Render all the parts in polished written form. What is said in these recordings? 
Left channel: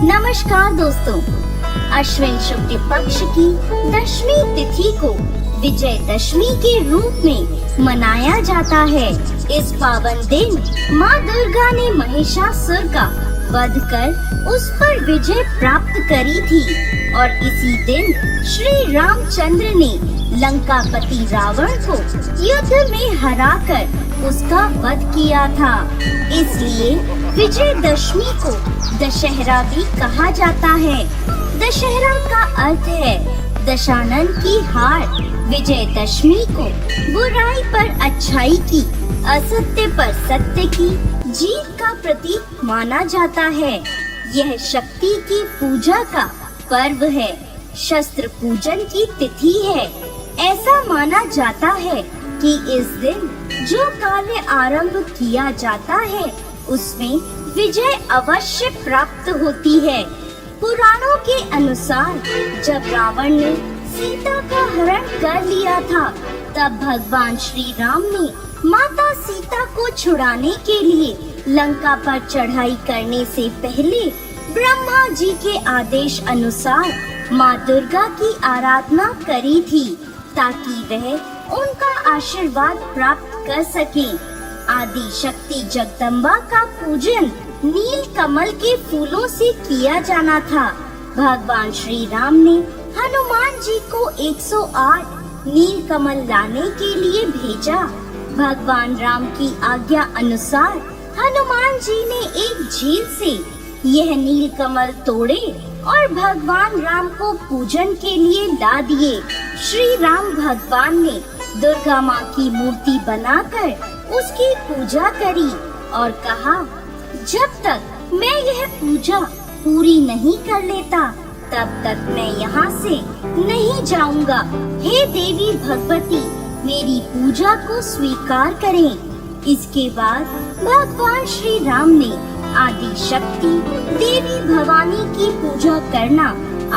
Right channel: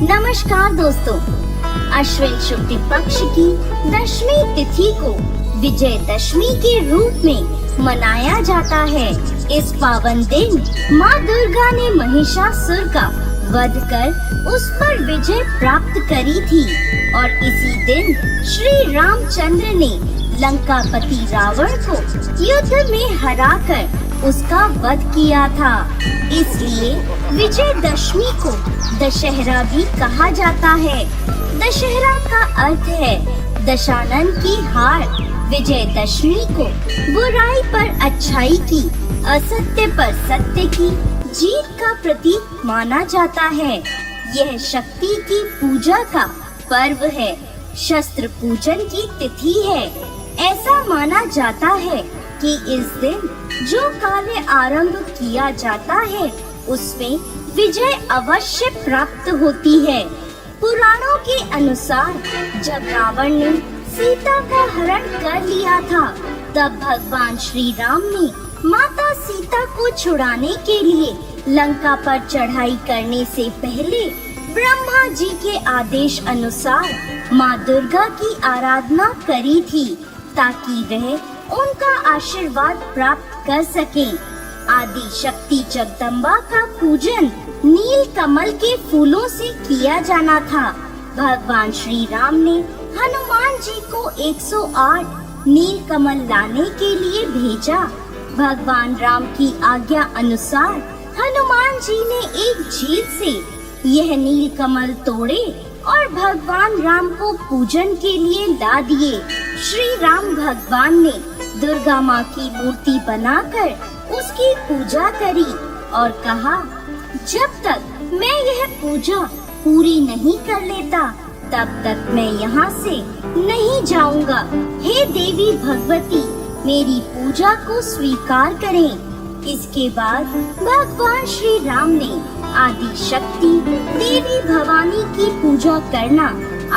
नमस्कार दोस्तों, अश्विन शुक्ल पक्ष की दशमी तिथि को विजयदशमी के रूप में मनाया जाता है। इस पावन दिन माँ दुर्गा ने महिषासुर का वध कर उस पर विजय प्राप्त करी थी और इसी दिन श्री रामचंद्र ने लंकापति रावण को युद्ध में हराकर उसका वध किया था। इसलिए विजयदशमी को दशहरा भी कहा जाता है। दशहरा का अर्थ है दशानन की हार। विजयदशमी को बुराई पर अच्छाई की, असत्य पर सत्य की जीत का प्रतीक माना जाता है। यह शक्ति की पूजा का पर्व है, शस्त्र पूजन की तिथि है। ऐसा माना जाता है कि इस दिन जो कार्य आरंभ किया जाता है उसमें विजय अवश्य प्राप्त होती है। पुराणों के अनुसार जब रावण ने सीता का हरण कर लिया था, तब भगवान श्री राम ने माता सीता को छुड़ाने के लिए लंका पर चढ़ाई करने से पहले ब्रह्मा जी के आदेश अनुसार माँ दुर्गा की आराधना करी थी, ताकि वह उनका आशीर्वाद प्राप्त कर सके। आदि शक्ति जगदम्बा का पूजन नील कमल के फूलों से किया जाना था। भगवान श्री राम ने हनुमान जी को 108 नील कमल लाने के लिए भेजा। भगवान राम की आज्ञा अनुसार हनुमान जी ने एक झील से यह नील कमल तोड़े और भगवान राम को पूजन के लिए ला दिए। श्री राम भगवान ने दुर्गा माँ की मूर्ति बनाकर उसकी पूजा करी और कहा, जब तक मैं यह पूजा पूरी नहीं कर लेता तब तक मैं यहाँ से नहीं जाऊंगा। हे देवी भगवती, मेरी पूजा को स्वीकार करें। इसके बाद भगवान श्री राम ने आदि शक्ति देवी भवानी की पूजा करना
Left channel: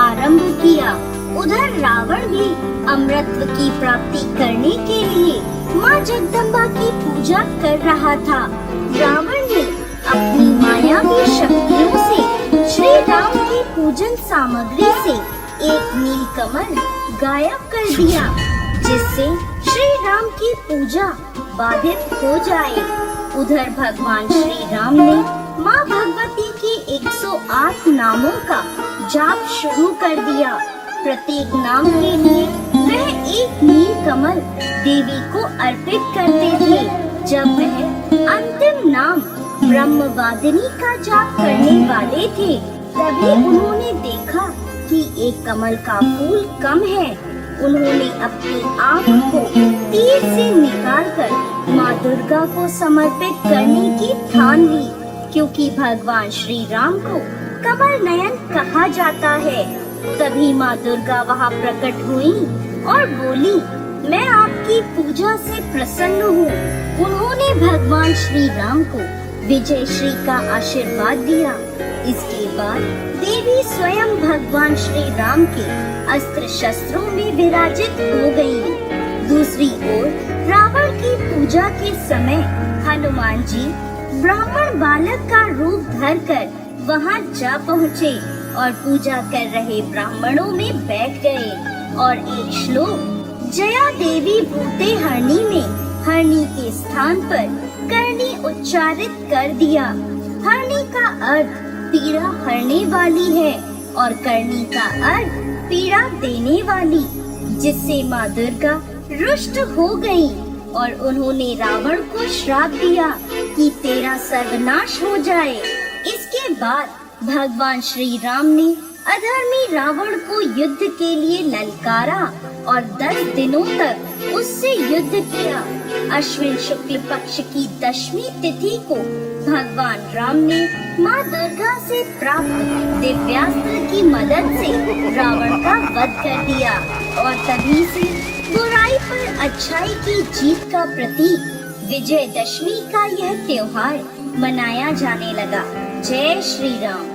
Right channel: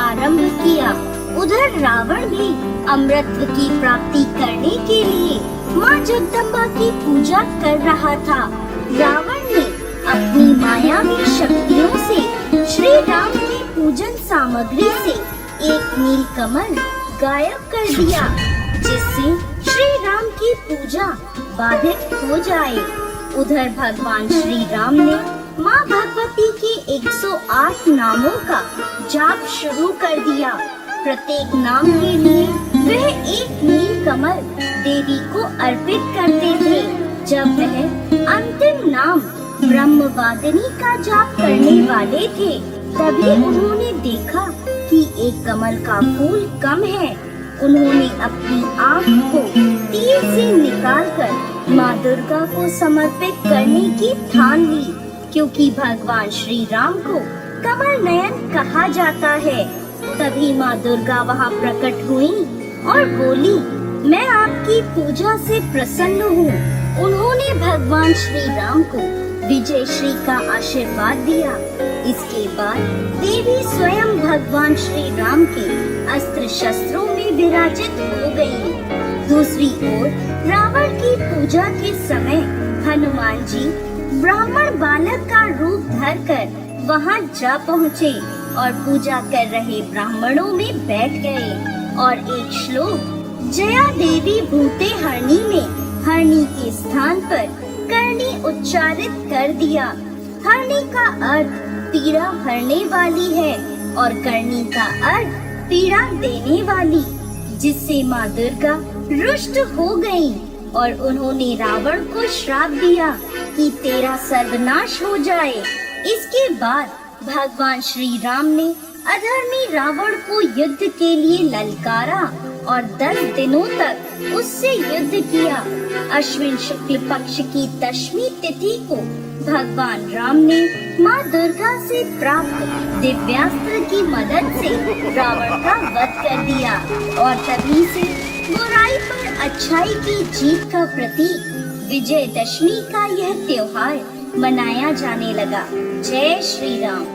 आरंभ किया। उधर रावण भी अमृत की प्राप्ति करने के लिए माँ जगदम्बा की पूजा कर रहा था। रावण ने अपनी मायावी शक्तियों से श्री राम की पूजन सामग्री से एक नील कमल गायब कर दिया, जिससे श्री राम की पूजा बाधित हो जाए। उधर भगवान श्री राम ने माँ भगवती के 108 नामों का जाप शुरू कर दिया। प्रत्येक नाम के लिए वह एक नील कमल देवी को अर्पित करते थे। जब वह अंतिम नाम ब्रह्मवादिनी का जाप करने वाले थे, तभी उन्होंने देखा कि एक कमल का फूल कम है। उन्होंने अपनी आँख को तीर से निकालकर माँ दुर्गा को समर्पित करने की ठान ली, क्योंकि भगवान श्री राम को कमल नयन कहा जाता है। तभी माँ दुर्गा वहाँ प्रकट हुई और बोली, मैं आपकी पूजा से प्रसन्न हूँ। उन्होंने भगवान श्री राम को विजय श्री का आशीर्वाद दिया। इसके बाद देवी स्वयं भगवान श्री राम के अस्त्र शस्त्रों में विराजित हो गयी। दूसरी ओर रावण की पूजा के समय हनुमान जी ब्राह्मण बालक का रूप धरकर वहाँ जा पहुँचे और पूजा कर रहे ब्राह्मणों में बैठ गए और एक श्लोक जया देवी भूते हरणी में हरणी के स्थान पर करणी उच्चारित कर दिया। हरणी का अर्थ पीड़ा हरने वाली है और करणी का अर्थ पीड़ा देने वाली, जिससे माँ दुर्गा रुष्ट हो गई और उन्होंने रावण को श्राप दिया कि तेरा सर्वनाश हो जाए। इसके बाद भगवान श्री राम ने अधर्मी रावण को युद्ध के लिए ललकारा और 10 दिनों तक उससे युद्ध किया। अश्विन शुक्ल पक्ष की दशमी तिथि को भगवान राम ने माँ दुर्गा से प्राप्त दिव्यास्त्र की मदद से रावण का वध कर दिया और तभी से बुराई पर अच्छाई की जीत का प्रतीक विजयदशमी का यह त्योहार मनाया जाने लगा। जय श्री राम।